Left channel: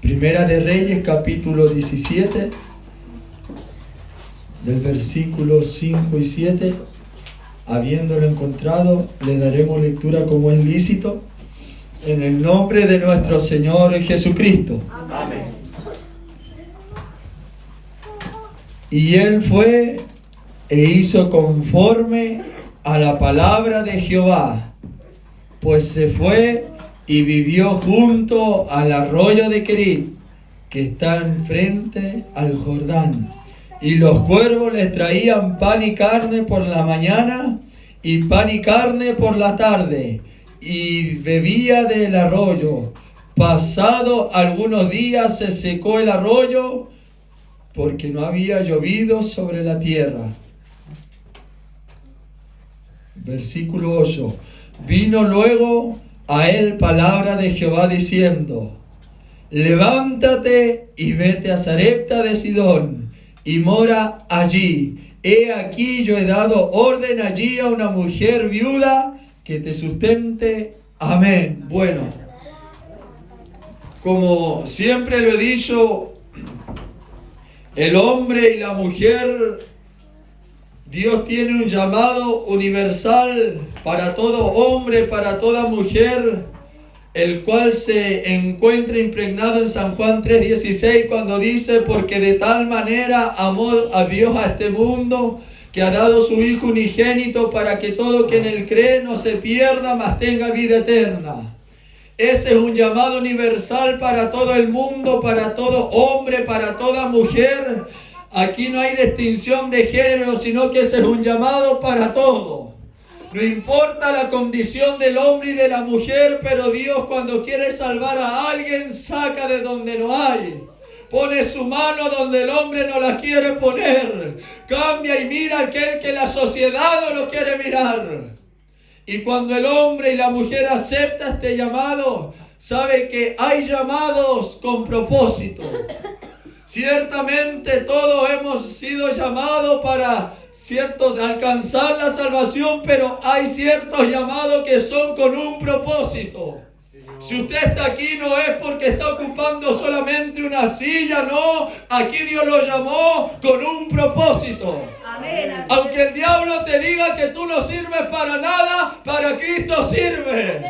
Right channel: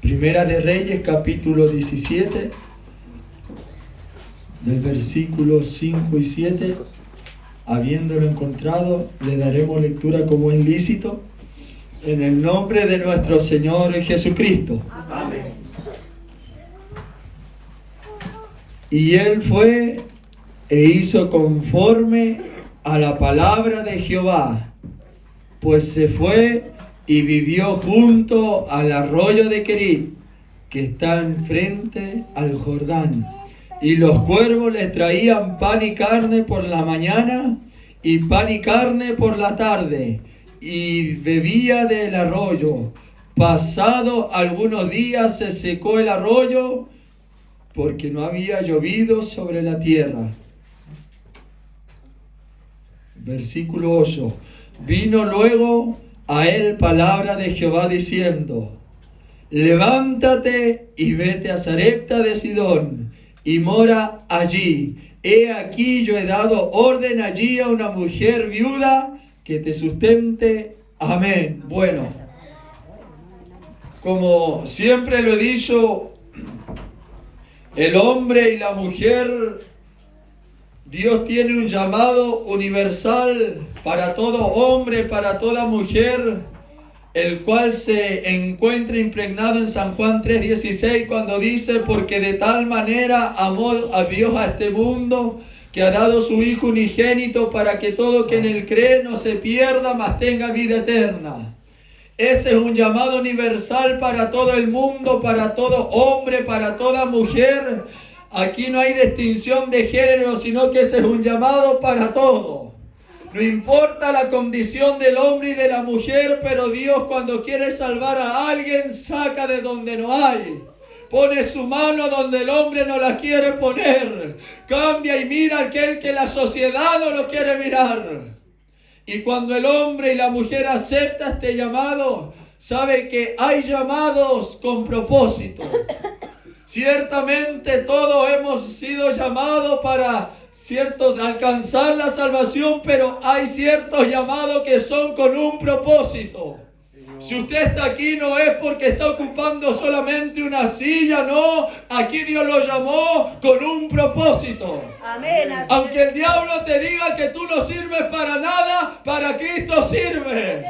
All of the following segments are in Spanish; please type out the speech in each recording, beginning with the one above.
Primera de Reyes, capítulo 17, del versículo 5 y 7. Habiéndolo encontrado, le daremos lectura como es lícito, en el nombre de nuestro Señor Jesucristo. Amén. Y él fue e hizo conforme a la palabra de Jehová, pues se fue y vivió junto al arroyo de Querit, que está enfrente al Jordán. Y los cuervos le traían pan y carne por la mañana, y pan y carne por la tarde, y bebía del arroyo. Pasado algunos días se secó el arroyo, porque no había llovido sobre la tierra. Versículo 8. Vino luego a él palabra de Jehová diciendo: levántate y vete a Sarepta de Sidón, y mora allí. He aquí yo he dado orden allí a una mujer viuda que te sustente. Amén. Bueno, como siempre lo he dicho, el hombre y la mujer, Dios tiene un llamado universal para todo hombre, para toda mujer, el cual se encuentra impregnado en San Juan 3:16, cuando dice: porque de tal manera amó a Dios a este mundo, que ha dado su Hijo unigénito, para que todo quien en él cree no se pierda, mas tenga vida eterna. Ese es un llamado universal para todo el mundo, para todo hombre, para toda mujer. Aquí no hay distinción de género, sino que ese es un llamado para todos. No importa la condición del hombre y de la mujer, pero Dios, cuando quiere salvar a alguien, saca de donde no hay. Pone su mano donde el hombre no la quiere poner. Cambia y mira aquel que la sociedad no lo quiere mirar. Y cuando el hombre y la mujer aceptan este llamado, sabe que hay llamados con propósito. Ciertamente todos hemos sido llamados para alcanzar la salvación, pero hay ciertos llamados que son con un propósito. Si usted está aquí no es porque está ocupando solamente una silla, no. Aquí Dios lo llamó con un propósito. Amén. Aunque el diablo te diga que tú no sirves para nada, para Cristo sirve.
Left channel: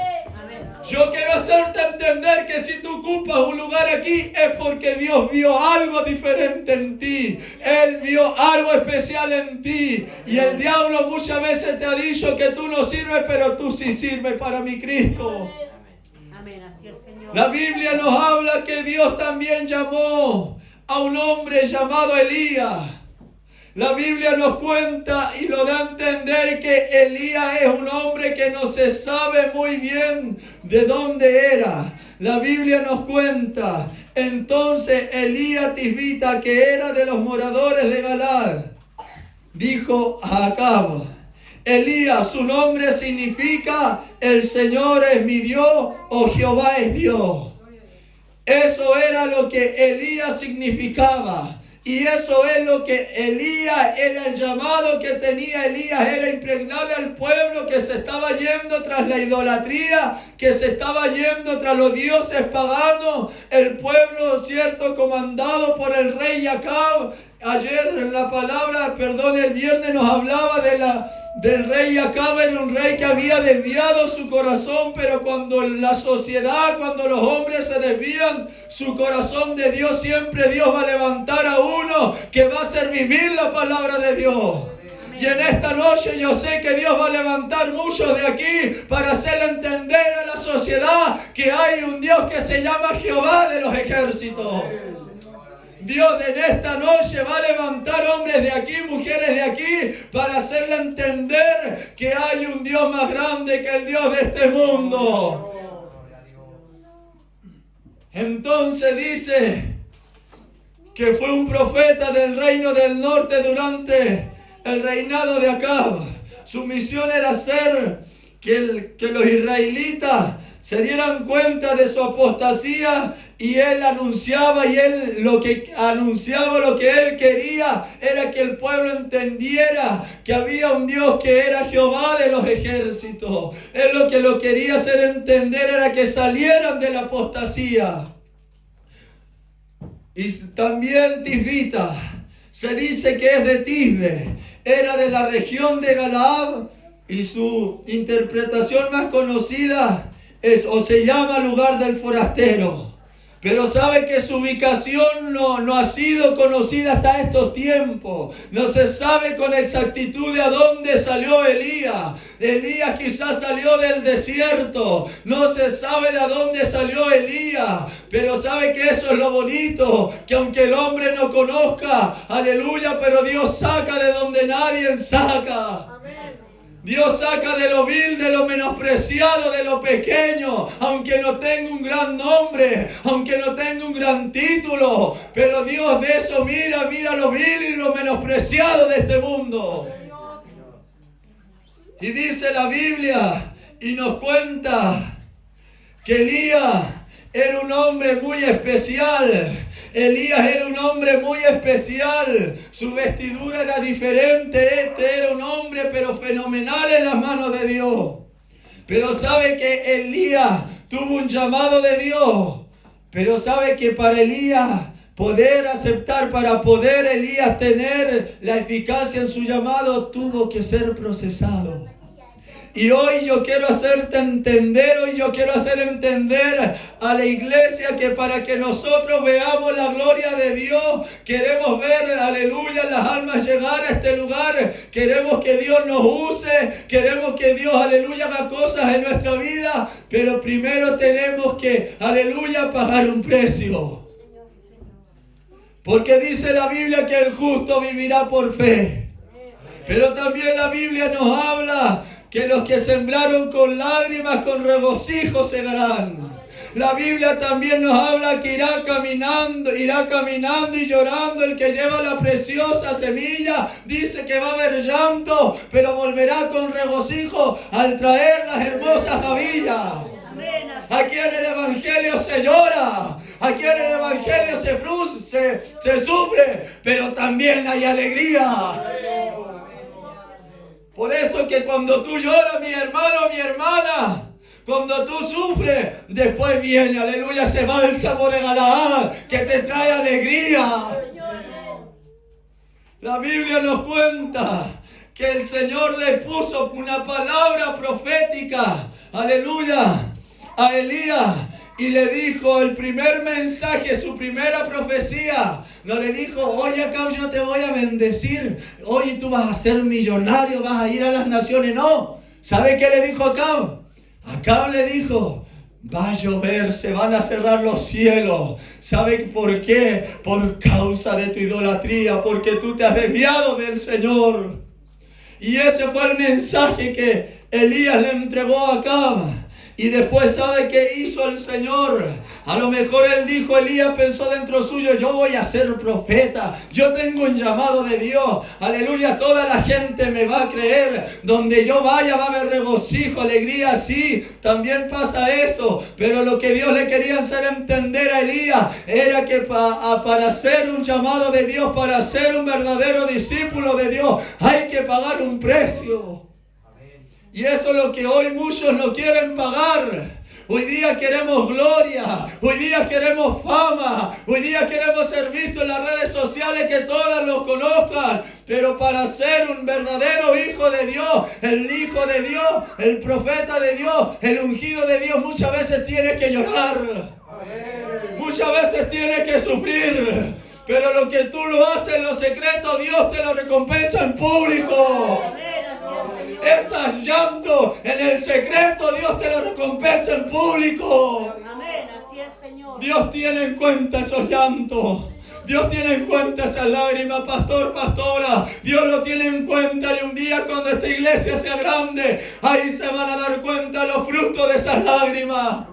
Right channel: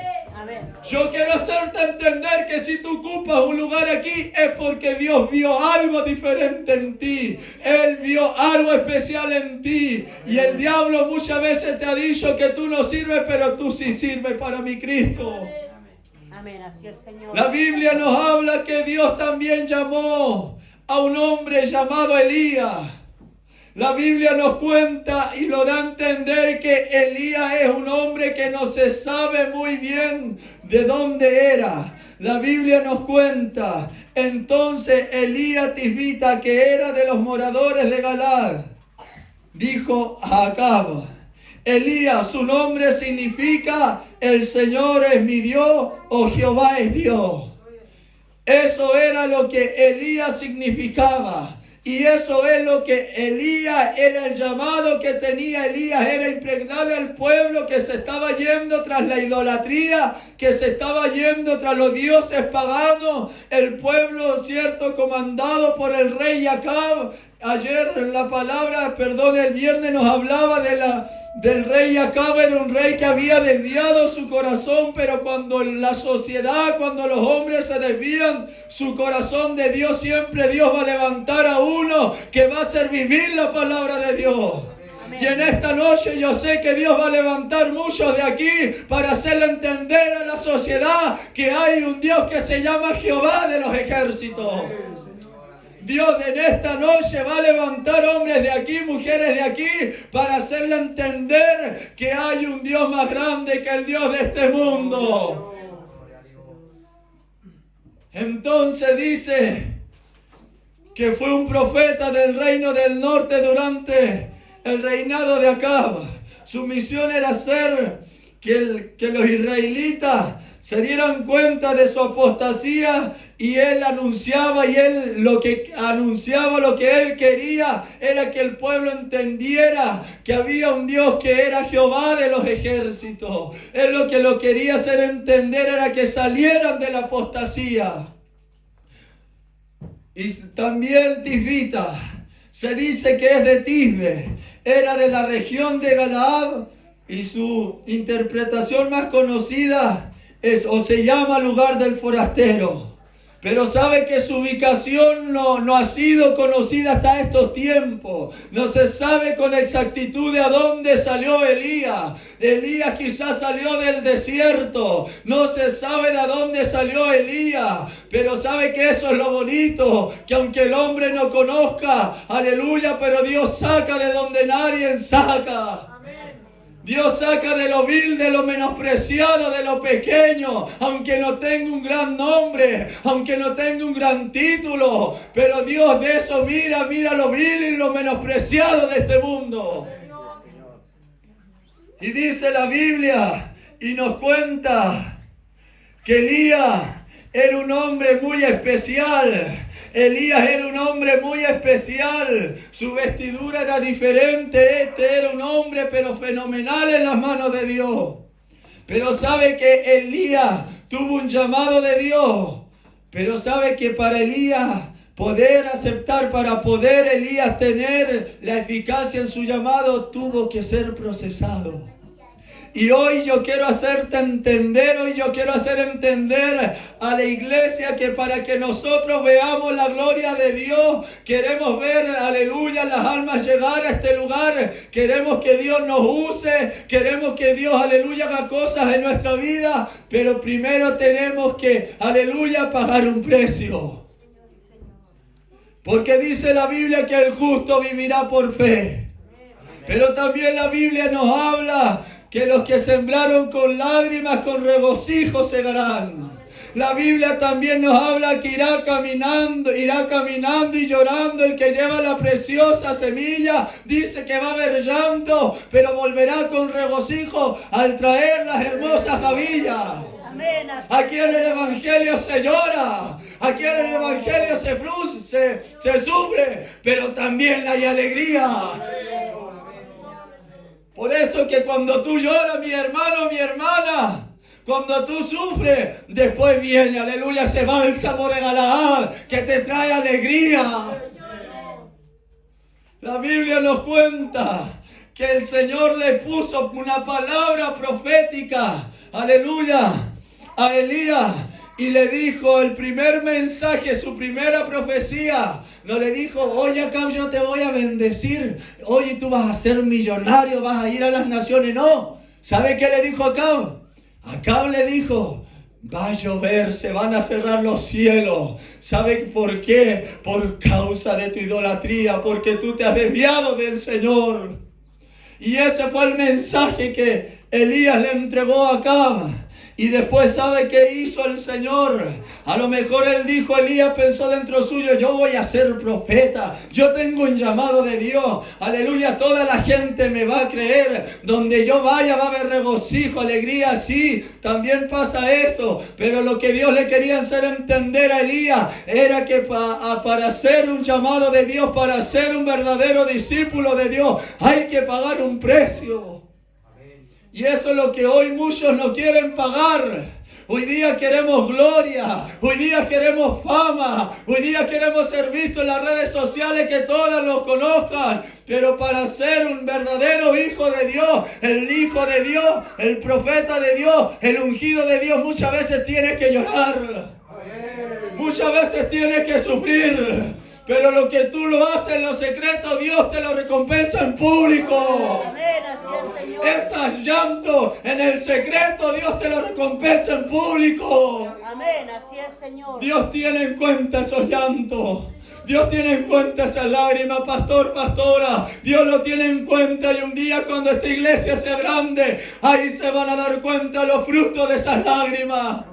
Yo quiero hacerte entender que si tú ocupas un lugar aquí es porque Dios vio algo diferente en ti. Él vio algo especial en ti. Y el diablo muchas veces te ha dicho que tú no sirves, pero tú sí sirves para mi Cristo. La Biblia nos habla que Dios también llamó a un hombre llamado Elías. La Biblia nos cuenta y lo da a entender que Elías es un hombre que no se sabe muy bien de dónde era. La Biblia nos cuenta, entonces Elías Tisbita, que era de los moradores de Galaad, dijo a Acab: Elías, su nombre significa el Señor es mi Dios o Jehová es Dios. Eso era lo que Elías significaba. Y eso es lo que Elías, era el llamado que tenía Elías, era impregnarle al pueblo que se estaba yendo tras la idolatría, que se estaba yendo tras los dioses paganos. El pueblo, cierto, comandado por el rey Acab. Ayer el viernes nos hablaba del rey Acab. Era un rey que había desviado su corazón, pero cuando la sociedad, cuando los hombres se desvían su corazón de Dios, siempre Dios va a levantar a uno que va a hacer vivir la palabra de Dios. Y en esta noche yo sé que Dios va a levantar muchos de aquí para hacerle entender a la sociedad que hay un Dios que se llama Jehová de los ejércitos. Dios en esta noche va a levantar hombres de aquí, mujeres de aquí, para hacerle entender que hay un Dios más grande que el Dios de este mundo. Entonces dice que fue un profeta del reino del norte durante el reinado de Acab. Su misión era hacer que los israelitas se dieran cuenta de su apostasía, y él anunciaba, lo que él quería era que el pueblo entendiera que había un Dios que era Jehová de los ejércitos. Él lo quería hacer entender era que salieran de la apostasía. Y también Tisbita, se dice que es de Tisbe, era de la región de Galaad, y su interpretación más conocida es o se llama lugar del forastero. Pero sabe que su ubicación no ha sido conocida hasta estos tiempos. No se sabe con exactitud de a dónde salió Elías. Elías quizás salió del desierto. No se sabe de a dónde salió Elías. Pero sabe que eso es lo bonito. Que aunque el hombre no conozca, aleluya, pero Dios saca de donde nadie saca. Dios saca de lo vil, de lo menospreciado, de lo pequeño, aunque no tenga un gran nombre, aunque no tenga un gran título, pero Dios de eso mira lo vil y lo menospreciado de este mundo. Y dice la Biblia y nos cuenta que Elías era un hombre muy especial. Elías era un hombre muy especial. Su vestidura era diferente. Este era un hombre pero fenomenal en las manos de Dios. Pero sabe que Elías tuvo un llamado de Dios. Pero sabe que para Elías poder aceptar, para poder Elías tener la eficacia en su llamado, tuvo que ser procesado. Y hoy yo quiero hacerte entender, a la iglesia que para que nosotros veamos la gloria de Dios, queremos ver, aleluya, las almas llegar a este lugar, queremos que Dios nos use, queremos que Dios, aleluya, haga cosas en nuestra vida, pero primero tenemos que, aleluya, pagar un precio. Porque dice la Biblia que el justo vivirá por fe. Pero también la Biblia nos habla que los que sembraron con lágrimas, con regocijo segarán. La Biblia también nos habla que irá caminando y llorando el que lleva la preciosa semilla. Dice que va a haber llanto, pero volverá con regocijo al traer las hermosas gavillas. Aquí en el Evangelio se llora, aquí en el Evangelio se sufre, pero también hay alegría. Por eso que cuando tú lloras, mi hermano, mi hermana, cuando tú sufres, después viene, aleluya, ese bálsamo de Galaad que te trae alegría. La Biblia nos cuenta que el Señor le puso una palabra profética, aleluya, a Elías. Y le dijo el primer mensaje, su primera profecía. No le dijo, oye, Acab, yo te voy a bendecir. Oye, tú vas a ser millonario, vas a ir a las naciones. No. ¿Sabe qué le dijo Acab? Acab le dijo, va a llover, se van a cerrar los cielos. ¿Sabe por qué? Por causa de tu idolatría, porque tú te has desviado del Señor. Y ese fue el mensaje que Elías le entregó a Acab. Y después, ¿sabe qué hizo el Señor? A lo mejor él dijo, Elías pensó dentro suyo, yo voy a ser profeta, yo tengo un llamado de Dios, aleluya, toda la gente me va a creer, donde yo vaya va a haber regocijo, alegría, sí, también pasa eso, pero lo que Dios le quería hacer entender a Elías era que para ser un llamado de Dios, para ser un verdadero discípulo de Dios, hay que pagar un precio. Y eso es lo que hoy muchos no quieren pagar. Hoy día queremos gloria, hoy día queremos fama, hoy día queremos ser vistos en las redes sociales, que todas los conozcan. Pero para ser un verdadero hijo de Dios, el hijo de Dios, el profeta de Dios, el ungido de Dios, muchas veces tienes que llorar. Muchas veces tienes que sufrir. Pero lo que tú lo haces en lo secreto, Dios te lo recompensa en público. Esas llantos en el secreto, Dios te lo recompensa en público. Amén, así es, Señor. Dios tiene en cuenta esos llantos. Dios tiene en cuenta esas lágrimas, pastor, pastora. Dios lo tiene en cuenta, y un día cuando esta iglesia sea grande, ahí se van a dar cuenta los frutos de esas lágrimas.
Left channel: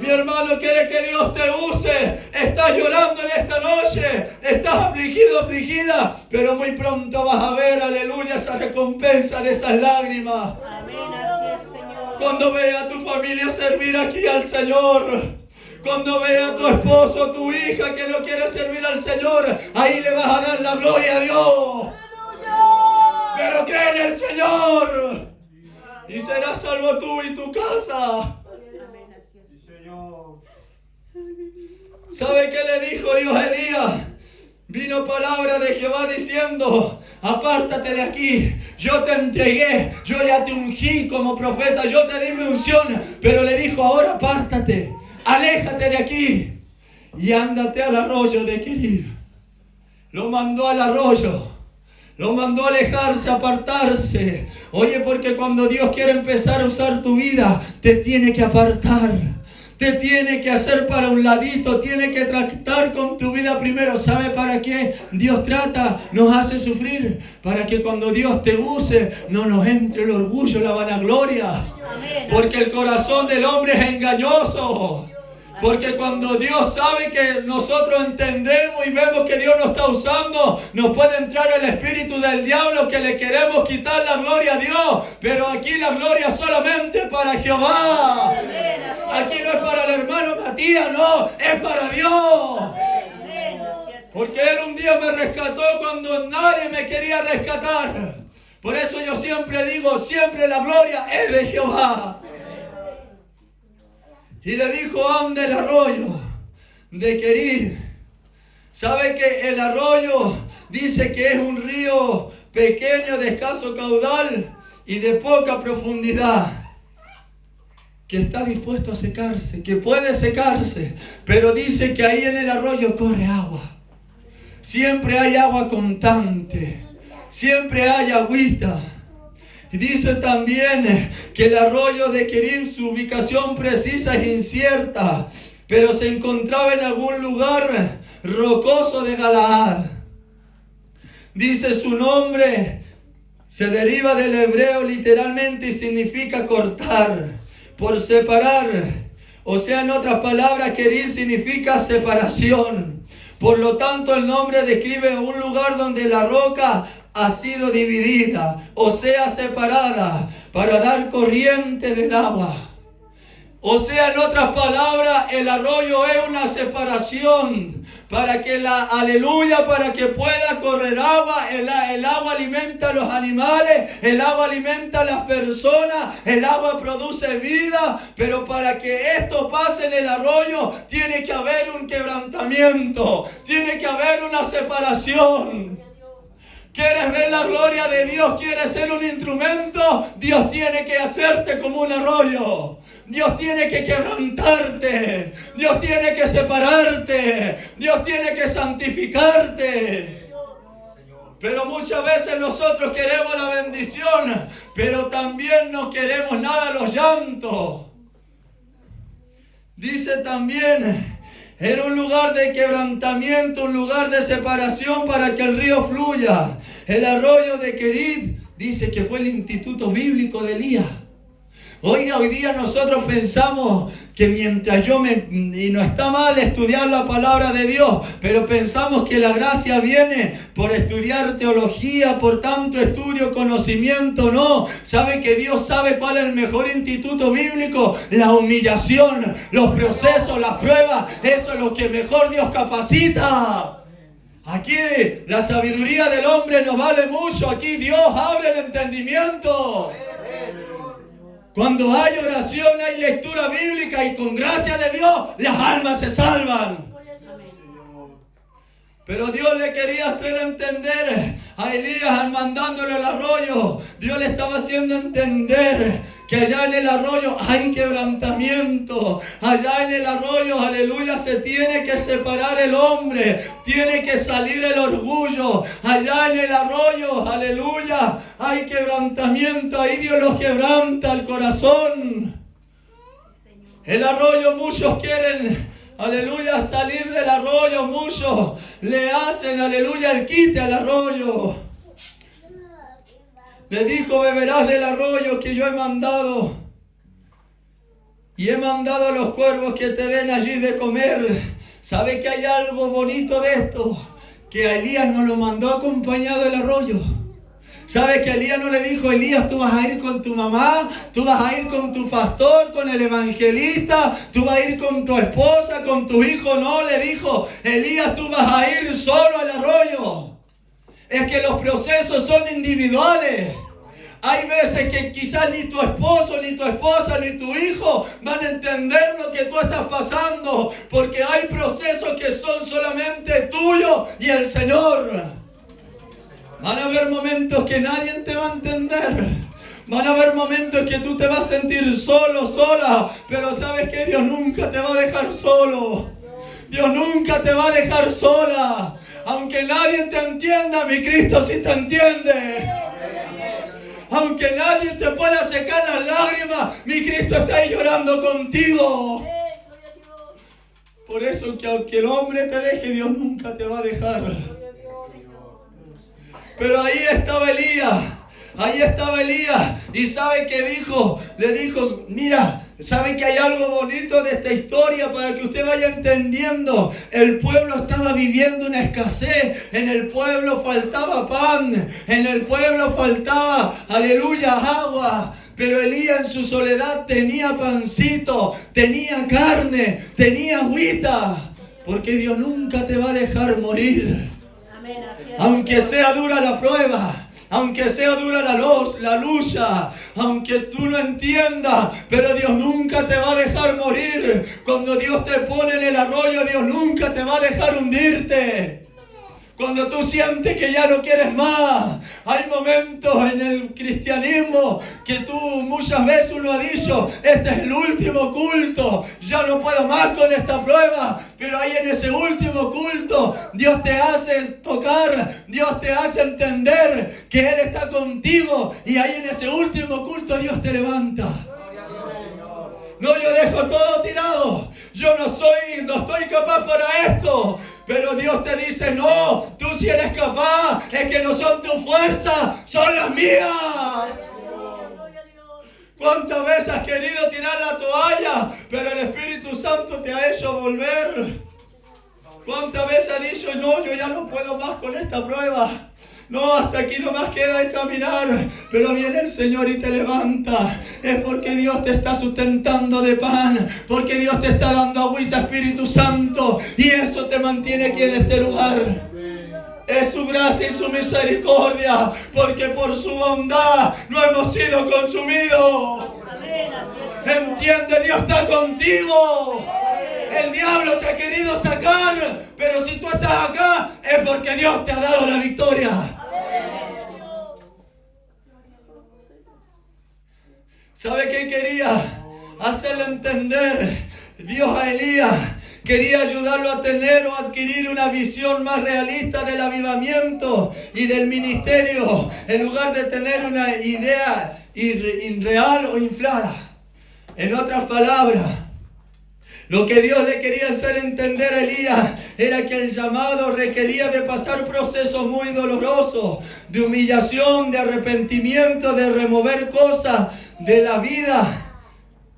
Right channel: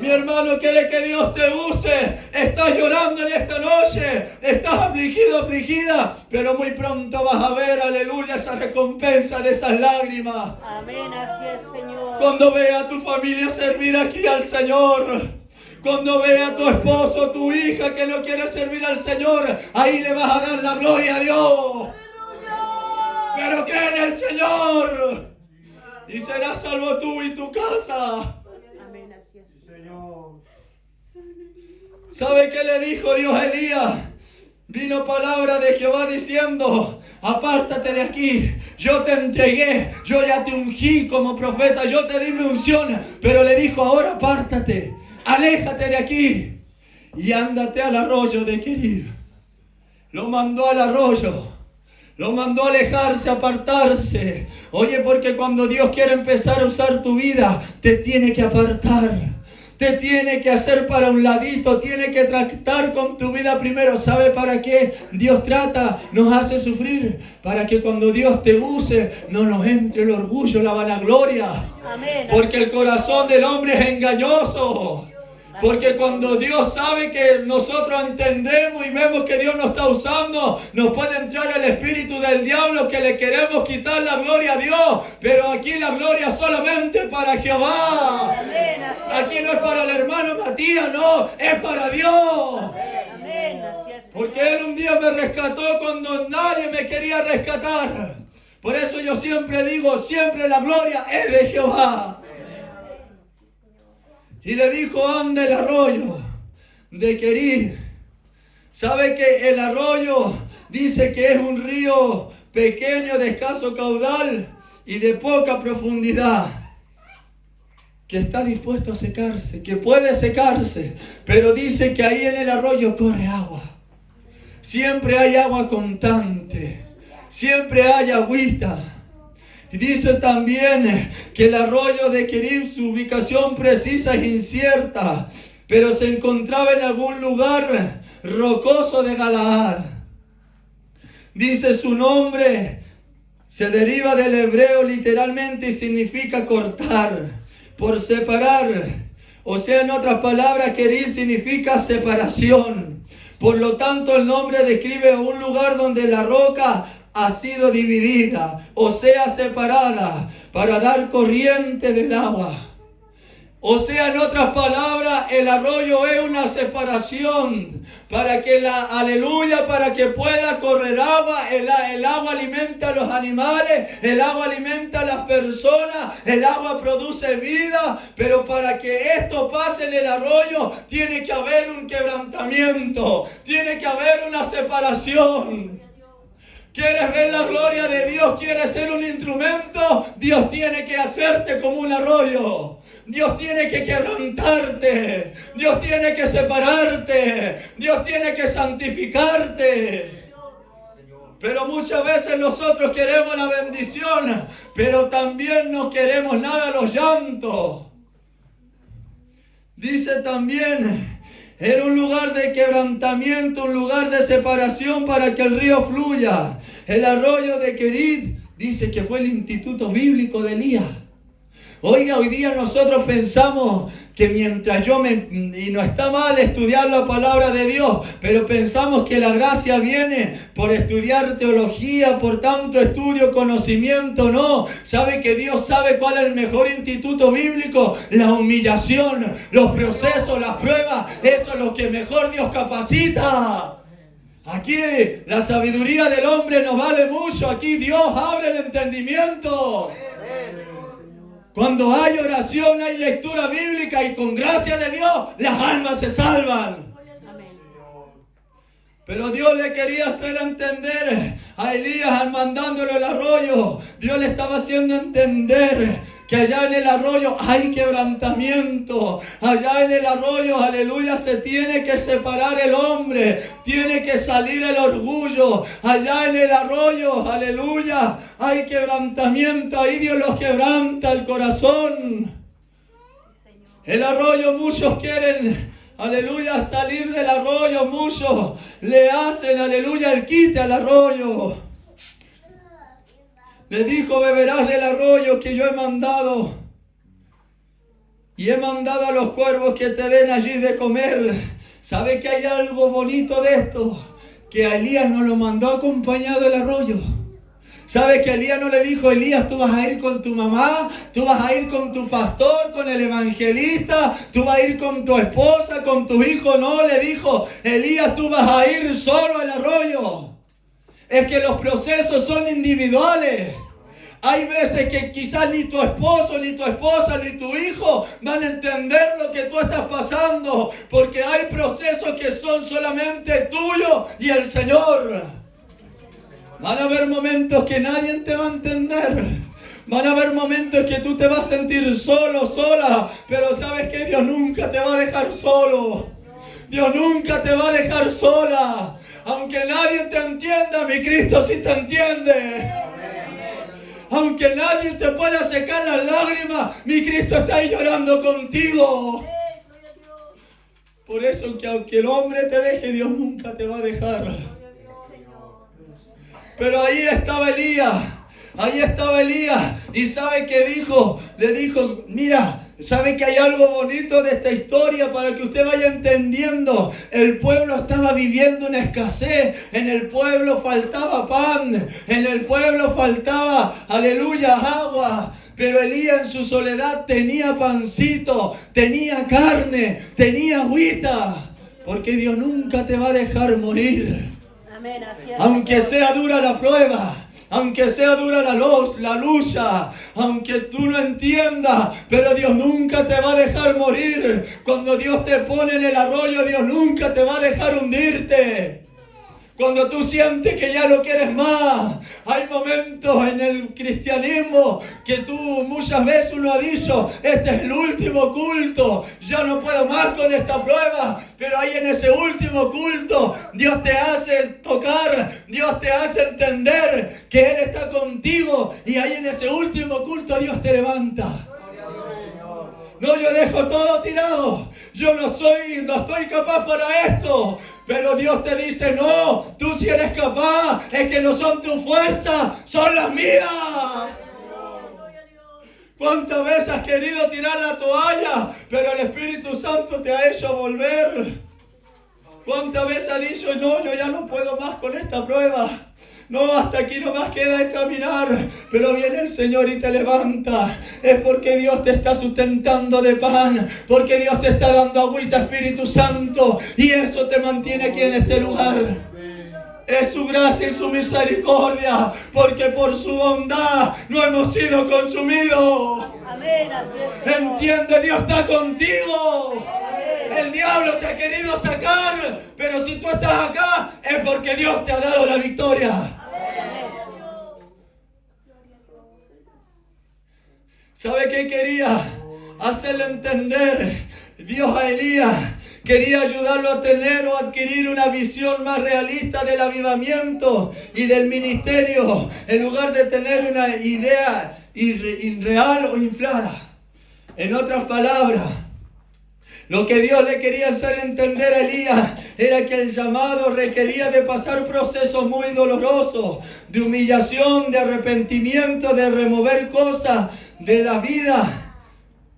Mi hermano, quiere que Dios te use. Estás llorando en esta noche. Estás afligido, afligida. Pero muy pronto vas a ver, aleluya, esa recompensa de esas lágrimas. Amén, así es, Señor. Cuando vea a tu familia servir aquí al Señor. Cuando vea a tu esposo, tu hija que no quiere servir al Señor, ahí le vas a dar la gloria a Dios. Pero cree en el Señor y serás salvo tú y tu casa. ¿Sabe qué le dijo Dios a Elías? Vino palabra de Jehová diciendo: apártate de aquí, yo te entregué, yo ya te ungí como profeta, yo te di mi unción. Pero le dijo: ahora apártate, aléjate de aquí y ándate al arroyo de Querid. Lo mandó al arroyo, lo mandó a alejarse, a apartarse. Oye, porque cuando Dios quiere empezar a usar tu vida, te tiene que apartar. Te tiene que hacer para un ladito, tiene que tratar con tu vida primero. ¿Sabe para qué Dios trata? Nos hace sufrir, para que cuando Dios te use, no nos entre el orgullo, la vanagloria. Porque el corazón del hombre es engañoso. Porque cuando Dios sabe que nosotros entendemos y vemos que Dios nos está usando, nos puede entrar el espíritu del diablo que le queremos quitar la gloria a Dios. Pero aquí la gloria solamente para Jehová. Aquí no es para el hermano Matías, no, es para Dios. Porque Él un día me rescató cuando nadie me quería rescatar. Por eso yo siempre digo, siempre la gloria es de Jehová. Y le dijo: anda el arroyo de Querid. ¿Sabe que el arroyo dice que es un río pequeño, de escaso caudal y de poca profundidad? Que está dispuesto a secarse, que puede secarse, pero dice que ahí en el arroyo corre agua. Siempre hay agua constante, siempre hay agüita. Y dice también que el arroyo de Querid, su ubicación precisa es incierta, pero se encontraba en algún lugar rocoso de Galaad. Dice su nombre, se deriva del hebreo literalmente y significa cortar, por separar. O sea, en otras palabras, Querid significa separación. Por lo tanto, el nombre describe un lugar donde la roca ha sido dividida, o sea, separada, para dar corriente del agua. O sea, en otras palabras, el arroyo es una separación para que para que pueda correr agua. El agua alimenta a los animales, el agua alimenta a las personas, el agua produce vida, pero para que esto pase en el arroyo tiene que haber un quebrantamiento, tiene que haber una separación. ¿Quieres ver la gloria de Dios? ¿Quieres ser un instrumento? Dios tiene que hacerte como un arroyo. Dios tiene que quebrantarte. Dios tiene que separarte. Dios tiene que santificarte. Pero muchas veces nosotros queremos la bendición, pero también no queremos nada los llantos. Dice también: era un lugar de quebrantamiento, un lugar de separación para que el río fluya. El arroyo de Querid dice que fue el instituto bíblico de Elías. Oiga, hoy día nosotros pensamos que y no está mal estudiar la palabra de Dios, pero pensamos que la gracia viene por estudiar teología, por tanto estudio, conocimiento. No, sabe que Dios sabe cuál es el mejor instituto bíblico: la humillación, los procesos, las pruebas. Eso es lo que mejor Dios capacita. Aquí la sabiduría del hombre no vale mucho, aquí Dios abre el entendimiento. Cuando hay oración, hay lectura bíblica, y con gracia de Dios las almas se salvan. Pero Dios le quería hacer entender a Elías, mandándole el arroyo. Dios le estaba haciendo entender que allá en el arroyo hay quebrantamiento. Allá en el arroyo, aleluya, se tiene que separar el hombre. Tiene que salir el orgullo. Allá en el arroyo, aleluya, hay quebrantamiento. Ahí Dios los quebranta el corazón. El arroyo, muchos quieren, aleluya, salir del arroyo. Muchos le hacen, aleluya, el quite al arroyo. Le dijo: beberás del arroyo que yo he mandado. Y he mandado a los cuervos que te den allí de comer. ¿Sabe que hay algo bonito de esto? Que a Elías no lo mandó acompañado del arroyo. ¿Sabe que Elías no le dijo: Elías, tú vas a ir con tu mamá, tú vas a ir con tu pastor, con el evangelista, tú vas a ir con tu esposa, con tu hijo? No, le dijo: Elías, tú vas a ir solo al arroyo. Es que los procesos son individuales. Hay veces que quizás ni tu esposo, ni tu esposa, ni tu hijo van a entender lo que tú estás pasando, porque hay procesos que son solamente tuyos y el Señor. Van a haber momentos que nadie te va a entender. Van a haber momentos que tú te vas a sentir solo, sola, pero sabes que Dios nunca te va a dejar solo. Dios nunca te va a dejar sola. Aunque nadie te entienda, mi Cristo sí te entiende. Aunque nadie te pueda secar las lágrimas, mi Cristo está ahí llorando contigo. Por eso que aunque el hombre te deje, Dios nunca te va a dejar. Pero ahí estaba Elías. Ahí estaba Elías. ¿Y sabe qué dijo? Le dijo, mira, ¿sabe que hay algo bonito de esta historia para que usted vaya entendiendo? El pueblo estaba viviendo una escasez. En el pueblo faltaba pan. En el pueblo faltaba, aleluya, agua. Pero Elías en su soledad tenía pancito, tenía carne, tenía agüita. Porque Dios nunca te va a dejar morir. Amén, así es. Aunque sea dura la prueba. Aunque sea dura la lucha, aunque tú no entiendas, pero Dios nunca te va a dejar morir. Cuando Dios te pone en el arroyo, Dios nunca te va a dejar hundirte. Cuando tú sientes que ya no quieres más, hay momentos en el cristianismo que tú muchas veces uno ha dicho, este es el último culto, ya no puedo más con esta prueba, pero ahí en ese último culto Dios te hace tocar, Dios te hace entender que Él está contigo y ahí en ese último culto Dios te levanta. No, yo dejo todo tirado. Yo no estoy capaz para esto. Pero Dios te dice, no, tú sí eres capaz. Es que no son tus fuerzas, son las mías. ¿Cuántas veces has querido tirar la toalla, pero el Espíritu Santo te ha hecho volver? ¿Cuántas veces has dicho, no, yo ya no puedo más con esta prueba? No, hasta aquí nomás queda el caminar, pero viene el Señor y te levanta. Es porque Dios te está sustentando de pan, porque Dios te está dando agüita, Espíritu Santo, y eso te mantiene aquí en este lugar. Es su gracia y su misericordia, porque por su bondad no hemos sido consumidos. Entiende, Dios está contigo. El diablo te ha querido sacar, pero si tú estás acá es porque Dios te ha dado la victoria. ¿Sabe qué quería? Hacerle entender Dios a Elías. Quería ayudarlo a tener o adquirir una visión más realista del avivamiento y del ministerio, en lugar de tener una idea irreal o inflada. En otras palabras, lo que Dios le quería hacer entender a Elías era que el llamado requería de pasar procesos muy dolorosos, de humillación, de arrepentimiento, de remover cosas de la vida.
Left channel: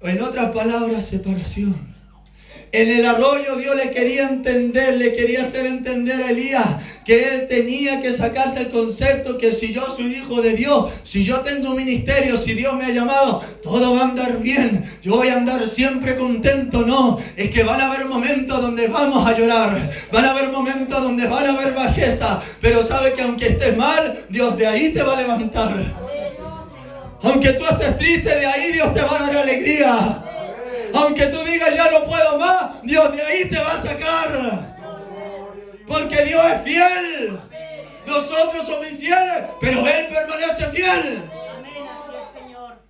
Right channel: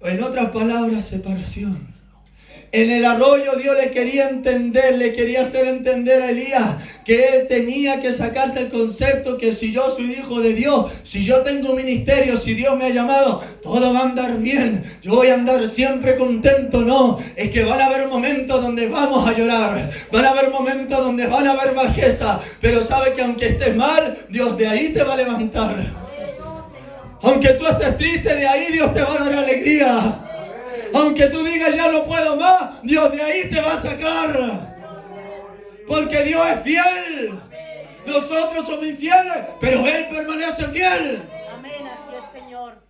En otras palabras, separación. En el arroyo Dios le quería entender, le quería hacer entender a Elías que él tenía que sacarse el concepto que si yo soy hijo de Dios, si yo tengo un ministerio, si Dios me ha llamado, todo va a andar bien, yo voy a andar siempre contento. No, es que van a haber momentos donde vamos a llorar, van a haber momentos donde van a haber bajeza, pero sabe que aunque estés mal, Dios de ahí te va a levantar. Aunque tú estés triste, de ahí Dios te va a dar alegría. Aunque tú digas ya no puedo más, Dios de ahí te va a sacar. Porque Dios es fiel. Nosotros somos infieles, pero Él permanece fiel. Amén, así es, Señor.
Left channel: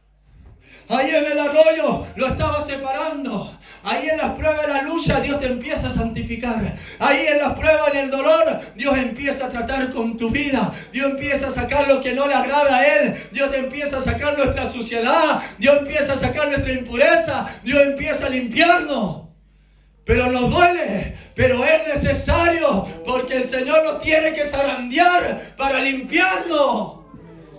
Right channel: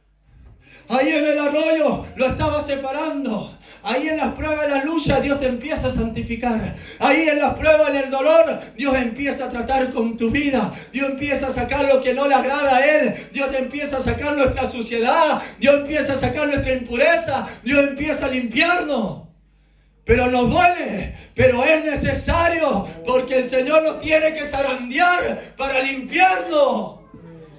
Ahí en el arroyo lo estaba separando. Ahí en las pruebas, en la lucha, Dios te empieza a santificar. Ahí en las pruebas, en el dolor, Dios empieza a tratar con tu vida. Dios empieza a sacar lo que no le agrada a Él. Dios te empieza a sacar nuestra suciedad. Dios empieza a sacar nuestra impureza. Dios empieza a limpiarnos. Pero nos duele, pero es necesario, porque el Señor nos tiene que zarandear para limpiarnos.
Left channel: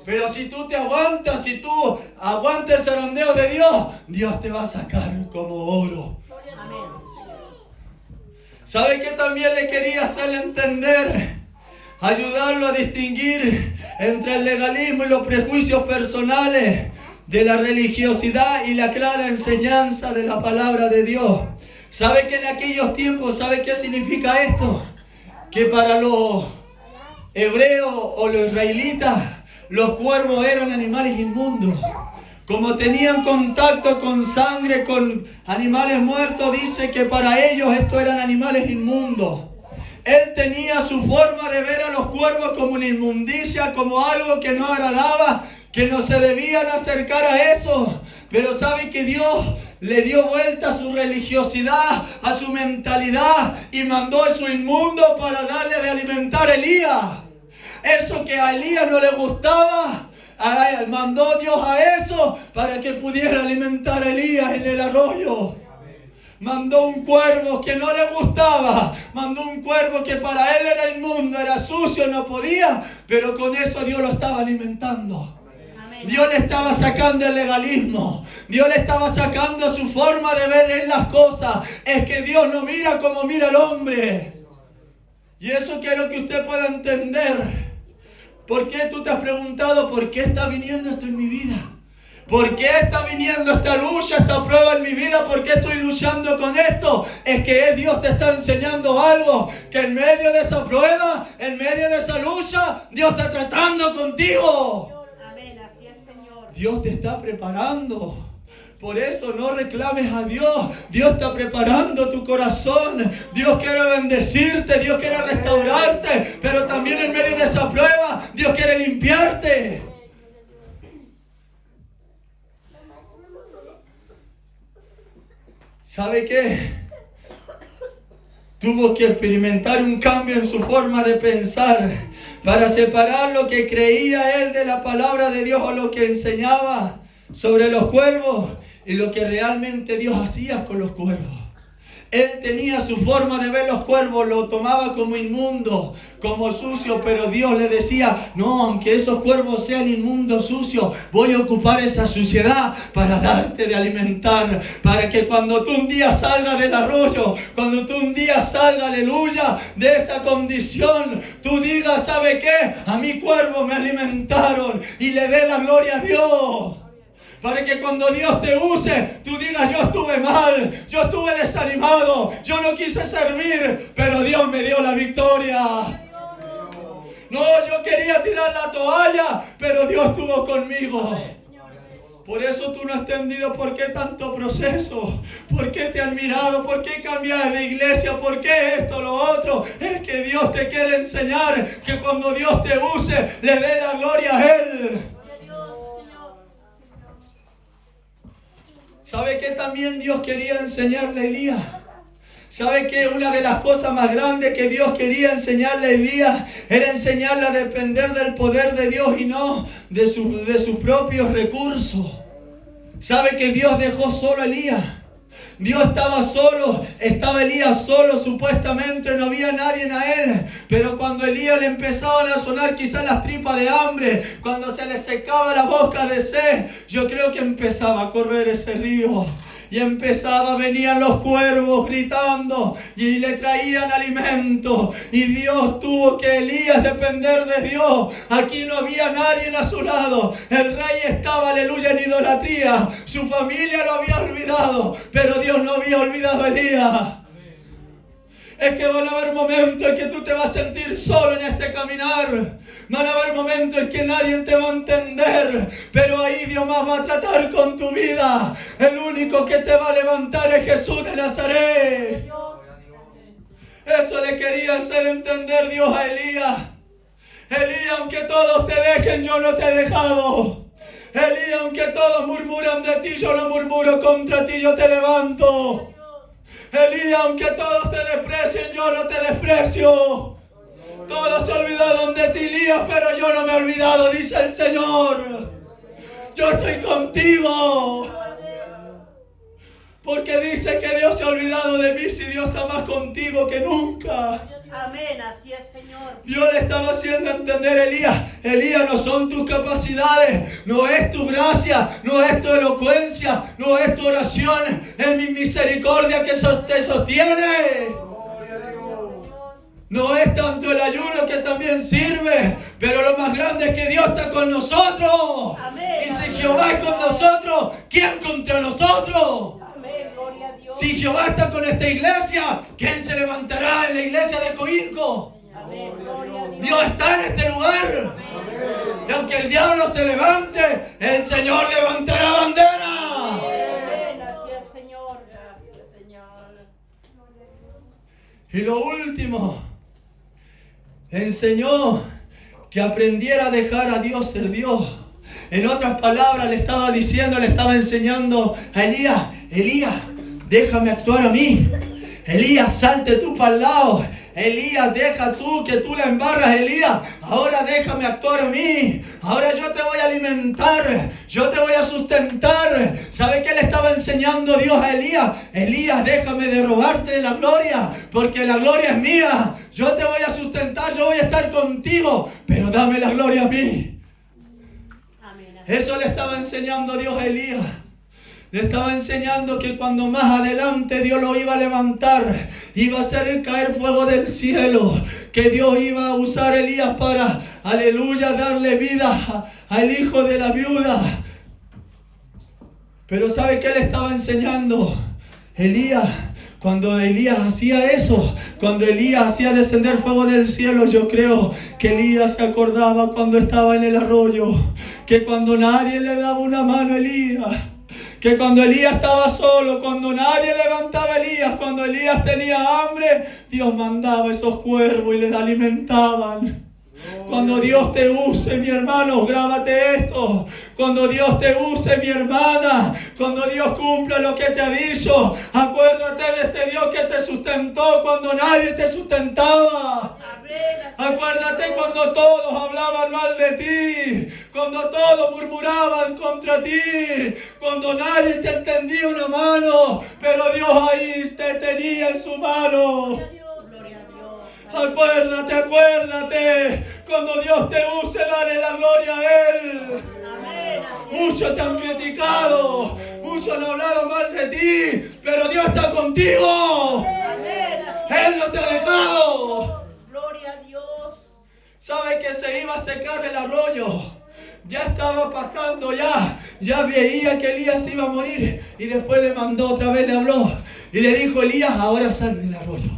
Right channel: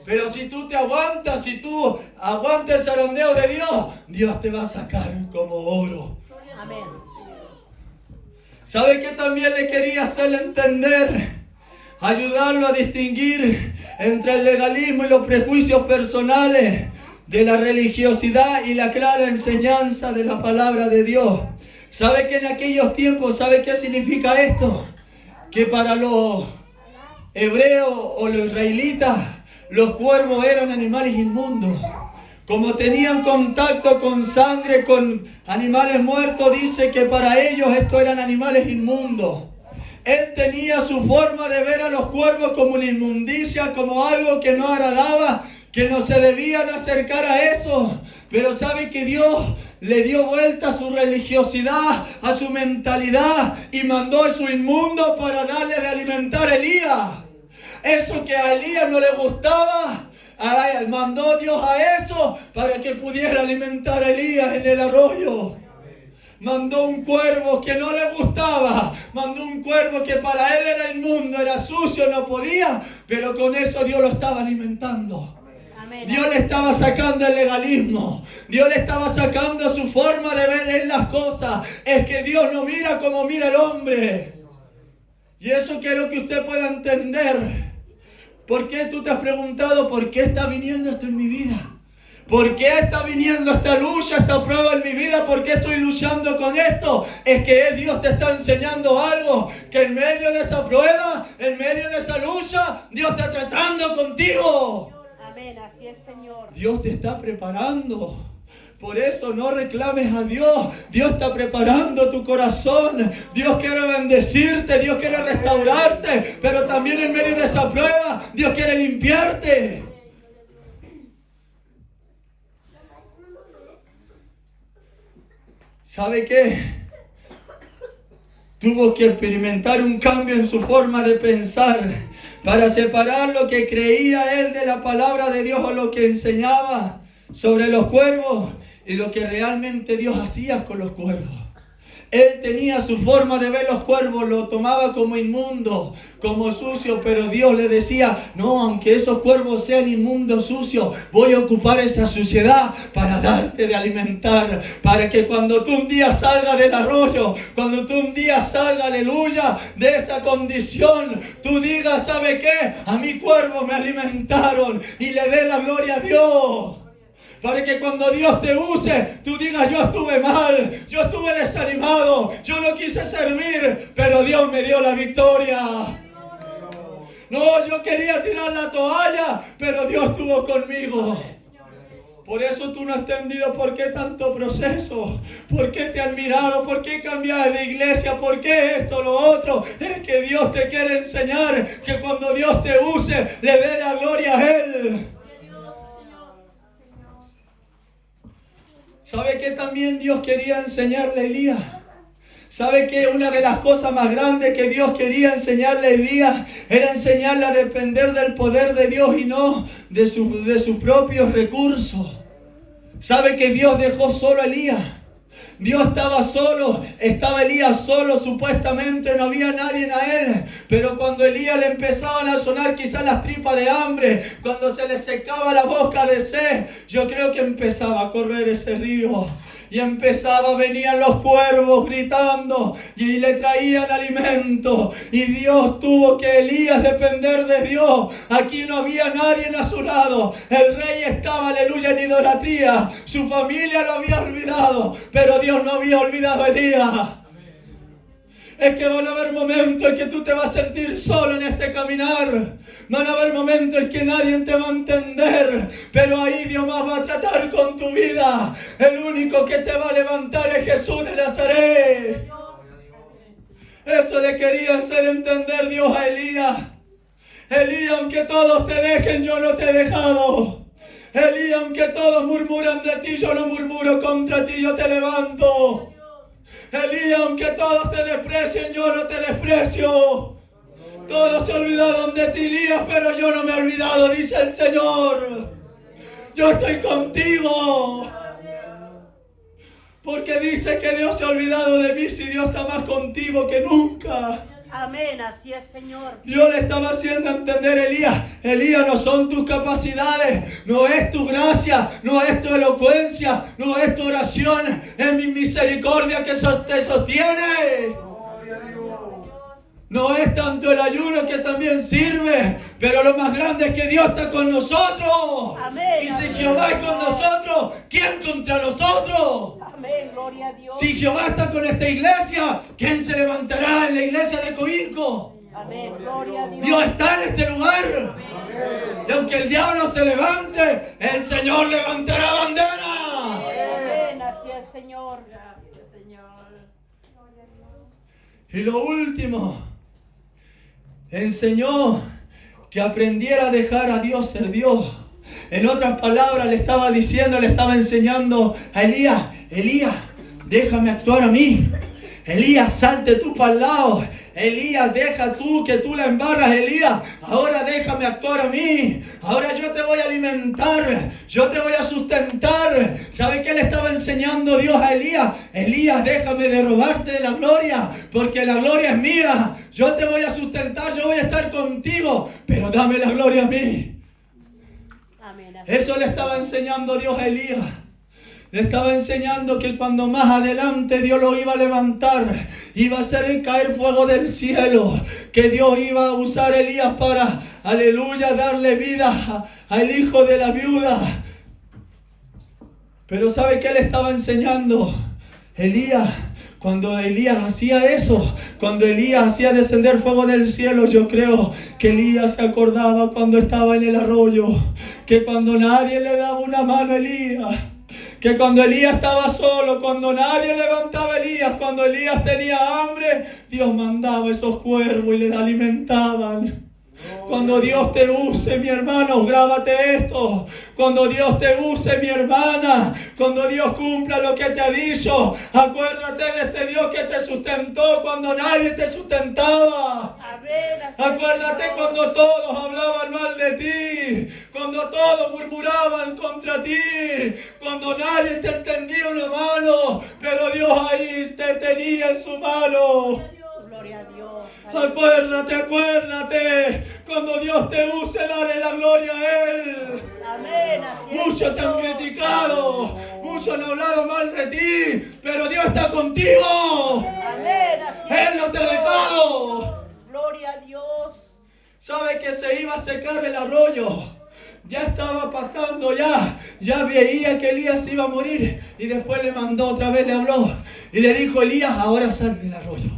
Pero si tú te aguantas, si tú aguantas el zarandeo de Dios, Dios te va a sacar como oro. Amén. ¿Sabe qué también le quería hacerle entender? Ayudarlo a distinguir entre el legalismo y los prejuicios personales de la religiosidad y la clara enseñanza de la palabra de Dios. ¿Sabe que en aquellos tiempos, sabe qué significa esto? Que para los hebreos o los israelitas, los cuervos eran animales inmundos. Como tenían contacto con sangre, con animales muertos, dice que para ellos estos eran animales inmundos. Él tenía su forma de ver a los cuervos como una inmundicia, como algo que no agradaba, que no se debían acercar a eso. Pero sabe que Dios le dio vuelta a su religiosidad, a su mentalidad, y mandó a su inmundo para darle de alimentar a Elías. Eso que a Elías no le gustaba, mandó Dios a eso para que pudiera alimentar a Elías en el arroyo. Mandó un cuervo que no le gustaba, mandó un cuervo que para él era inmundo, era sucio, no podía, pero con eso Dios lo estaba alimentando. Dios le estaba sacando el legalismo, Dios le estaba sacando su forma de ver en las cosas. Es que Dios no mira como mira el hombre. Y eso quiero que usted pueda entender. ¿Por qué tú te has preguntado por qué está viniendo esto en mi vida? ¿Por qué está viniendo esta lucha, esta prueba en mi vida? ¿Por qué estoy luchando con esto? Es que Dios te está enseñando algo, que en medio de esa prueba, en medio de esa lucha, Dios está tratando contigo. Amén, así es, Señor. Dios te está preparando. Por eso no reclames a Dios. Dios está preparando tu corazón. Dios quiere bendecirte, Dios quiere restaurarte, pero también en medio de esa prueba, Dios quiere limpiarte. ¿Sabe qué? Tuvo que experimentar un cambio en su forma de pensar para separar lo que creía él de la palabra de Dios o lo que enseñaba sobre los cuervos y lo que realmente Dios hacía con los cuervos. Él tenía su forma de ver los cuervos, lo tomaba como inmundo, como sucio, pero Dios le decía, no, aunque esos cuervos sean inmundos, sucios, voy a ocupar esa suciedad para darte de alimentar, para que cuando tú un día salgas del arroyo, cuando tú un día salgas, aleluya, de esa condición, tú digas, ¿sabe qué? A mi cuervo me alimentaron y le dé la gloria a Dios. Para que cuando Dios te use, tú digas, yo estuve mal, yo estuve desanimado, yo no quise servir, pero Dios me dio la victoria. No, yo quería tirar la toalla, pero Dios estuvo conmigo. Por eso tú no has entendido por qué tanto proceso, por qué te han mirado, por qué cambias de iglesia, por qué esto, lo otro. Es que Dios te quiere enseñar que cuando Dios te use, le dé la gloria a Él. ¿Sabe qué también Dios quería enseñarle a Elías? ¿Sabe qué? Una de las cosas más grandes que Dios quería enseñarle a Elías era enseñarle a depender del poder de Dios y no de sus propios recursos. ¿Sabe que Dios dejó solo a Elías? Dios estaba solo, estaba Elías solo, supuestamente no había nadie a él, pero cuando Elías le empezaban a sonar quizás las tripas de hambre, cuando se le secaba la boca de sed, yo creo que empezaba a correr ese río. Y venían los cuervos gritando y le traían alimento. Y Dios tuvo que Elías depender de Dios. Aquí no había nadie a su lado. El rey estaba, aleluya, en idolatría. Su familia lo había olvidado, pero Dios no había olvidado a Elías. Es que van a haber momentos en que tú te vas a sentir solo en este caminar. Van a haber momentos en que nadie te va a entender. Pero ahí Dios más va a tratar con tu vida. El único que te va a levantar es Jesús de Nazaret. Eso le quería hacer entender Dios a Elías. Elías, aunque todos te dejen, yo no te he dejado. Elías, aunque todos murmuran de ti, yo no murmuro contra ti, yo te levanto. Elías, aunque todos te desprecien, yo no te desprecio. Todos se olvidaron de ti, Elías, pero yo no me he olvidado, dice el Señor. Yo estoy contigo. Porque dice que Dios se ha olvidado de mí si Dios está más contigo que nunca. Amén, así es, Señor. Dios le estaba haciendo entender a Elías, Elías, no son tus capacidades, no es tu gracia, no es tu elocuencia, no es tu oración, es mi misericordia que te sostiene. No es tanto el ayuno que también sirve, pero lo más grande es que Dios está con nosotros. Amén. Y si Jehová es con nosotros, ¿quién contra nosotros? Amén, gloria a Dios. Si Jehová está con esta iglesia, ¿quién se levantará en la iglesia de Coirco? Amén, gloria a Dios. Dios está en este lugar. Amén. Y aunque el diablo se levante, el Señor levantará bandera. Amén. Así es, Señor. Gracias, Señor. Y lo último, enseñó que aprendiera a dejar a Dios ser Dios. En otras palabras, le estaba enseñando a Elías: Elías, déjame actuar a mí. Elías, salte tú para el lado. Elías, deja tú que tú la embarras, Elías. Ahora déjame actuar a mí. Ahora yo te voy a alimentar. Yo te voy a sustentar. ¿Sabe qué le estaba enseñando Dios a Elías? Elías, déjame de robarte la gloria, porque la gloria es mía. Yo te voy a sustentar, yo voy a estar contigo, pero dame la gloria a mí. Amén. Eso le estaba enseñando Dios a Elías. Le estaba enseñando que cuando más adelante Dios lo iba a levantar, iba a hacer caer fuego del cielo, que Dios iba a usar a Elías para, aleluya, darle vida al hijo de la viuda. Pero ¿sabe qué le estaba enseñando Elías? Cuando Elías hacía eso, cuando Elías hacía descender fuego del cielo, yo creo que Elías se acordaba cuando estaba en el arroyo, que cuando nadie le daba una mano a Elías, que cuando Elías estaba solo, cuando nadie levantaba a Elías, cuando Elías tenía hambre, Dios mandaba esos cuervos y le alimentaban. Cuando Dios te use, mi hermano, grábate esto. Cuando Dios te use, mi hermana, cuando Dios cumpla lo que te ha dicho, acuérdate de este Dios que te sustentó cuando nadie te sustentaba. Acuérdate cuando todos hablaban mal de ti, cuando todos murmuraban contra ti, cuando nadie te extendía una mano, pero Dios ahí te tenía en su mano. Acuérdate, cuando Dios te use, dale la gloria a Él. Muchos te han criticado, muchos han hablado mal de ti, pero Dios está contigo. Él no te ha dejado. Gloria a Dios. ¿Sabe que se iba a secar el arroyo? Ya estaba pasando, ya veía que Elías iba a morir, y después le mandó otra vez, le habló y le dijo: Elías, ahora sal del arroyo.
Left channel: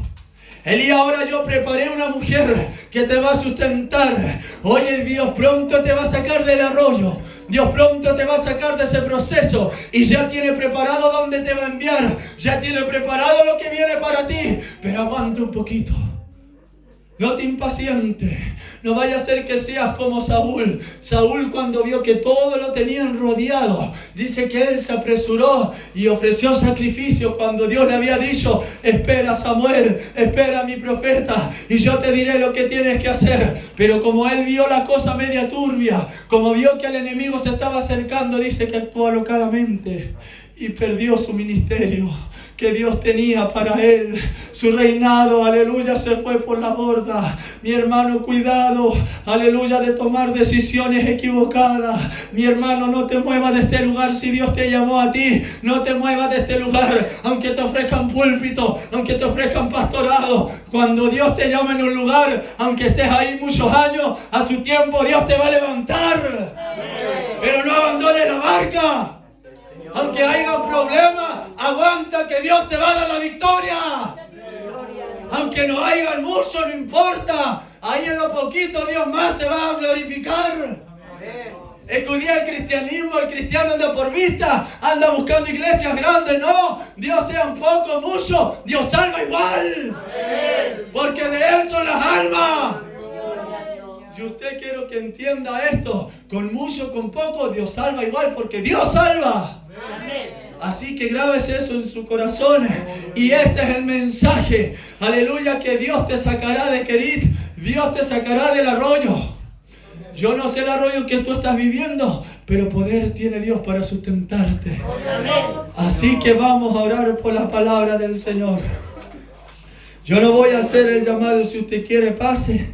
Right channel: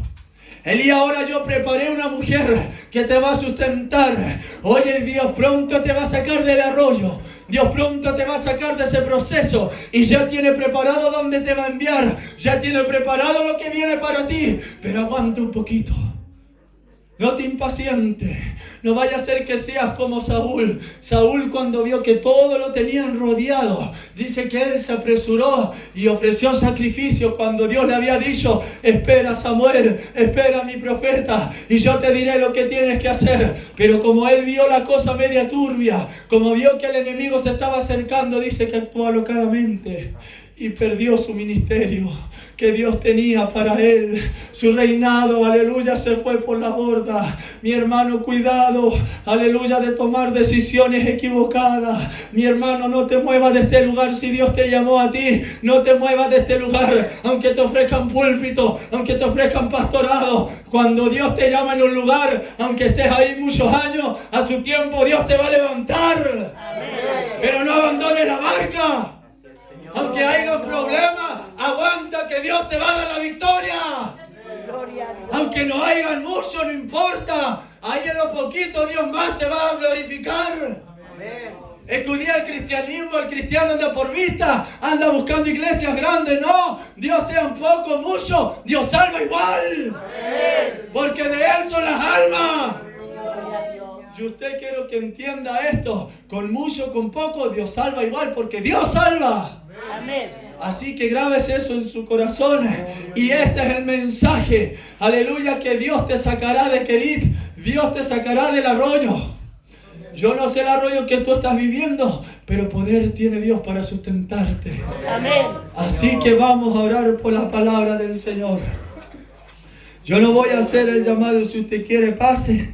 Elías, ahora yo preparé una mujer que te va a sustentar. Oye, Dios pronto te va a sacar del arroyo. Dios pronto te va a sacar de ese proceso. Y ya tiene preparado dónde te va a enviar. Ya tiene preparado lo que viene para ti. Pero aguanta un poquito. No te impacientes. No vaya a ser que seas como Saúl. Saúl, cuando vio que todo lo tenían rodeado, dice que él se apresuró y ofreció sacrificio cuando Dios le había dicho: espera, Samuel, espera a mi profeta y yo te diré lo que tienes que hacer. Pero como él vio la cosa media turbia, como vio que el enemigo se estaba acercando, dice que actuó alocadamente y perdió su ministerio que Dios tenía para él. Su reinado, aleluya, se fue por la borda. Mi hermano, cuidado, aleluya, de tomar decisiones equivocadas. Mi hermano, no te muevas de este lugar si Dios te llamó a ti. No te muevas de este lugar, aunque te ofrezcan púlpito, aunque te ofrezcan pastorado. Cuando Dios te llama en un lugar, aunque estés ahí muchos años, a su tiempo Dios te va a levantar. Pero no abandones la barca. Aunque haya problemas, aguanta que Dios te va a dar la victoria. Aunque no haya mucho, no importa. Ahí en lo poquito Dios más se va a glorificar. Estudia el cristianismo, el cristiano anda por vista, anda buscando iglesias grandes. No, Dios sea un poco, mucho, Dios salva igual. Porque de Él son las almas. Y usted quiero que entienda esto: con mucho, con poco, Dios salva igual, porque Dios salva. Así que grábese eso en su corazón. Y este es el mensaje, aleluya, que Dios te sacará de Kerit, Dios te sacará del arroyo. Yo no sé el arroyo que tú estás viviendo, pero poder tiene Dios para sustentarte. Así que vamos a orar por la palabra del Señor. Yo no voy a hacer el llamado, si usted quiere pase.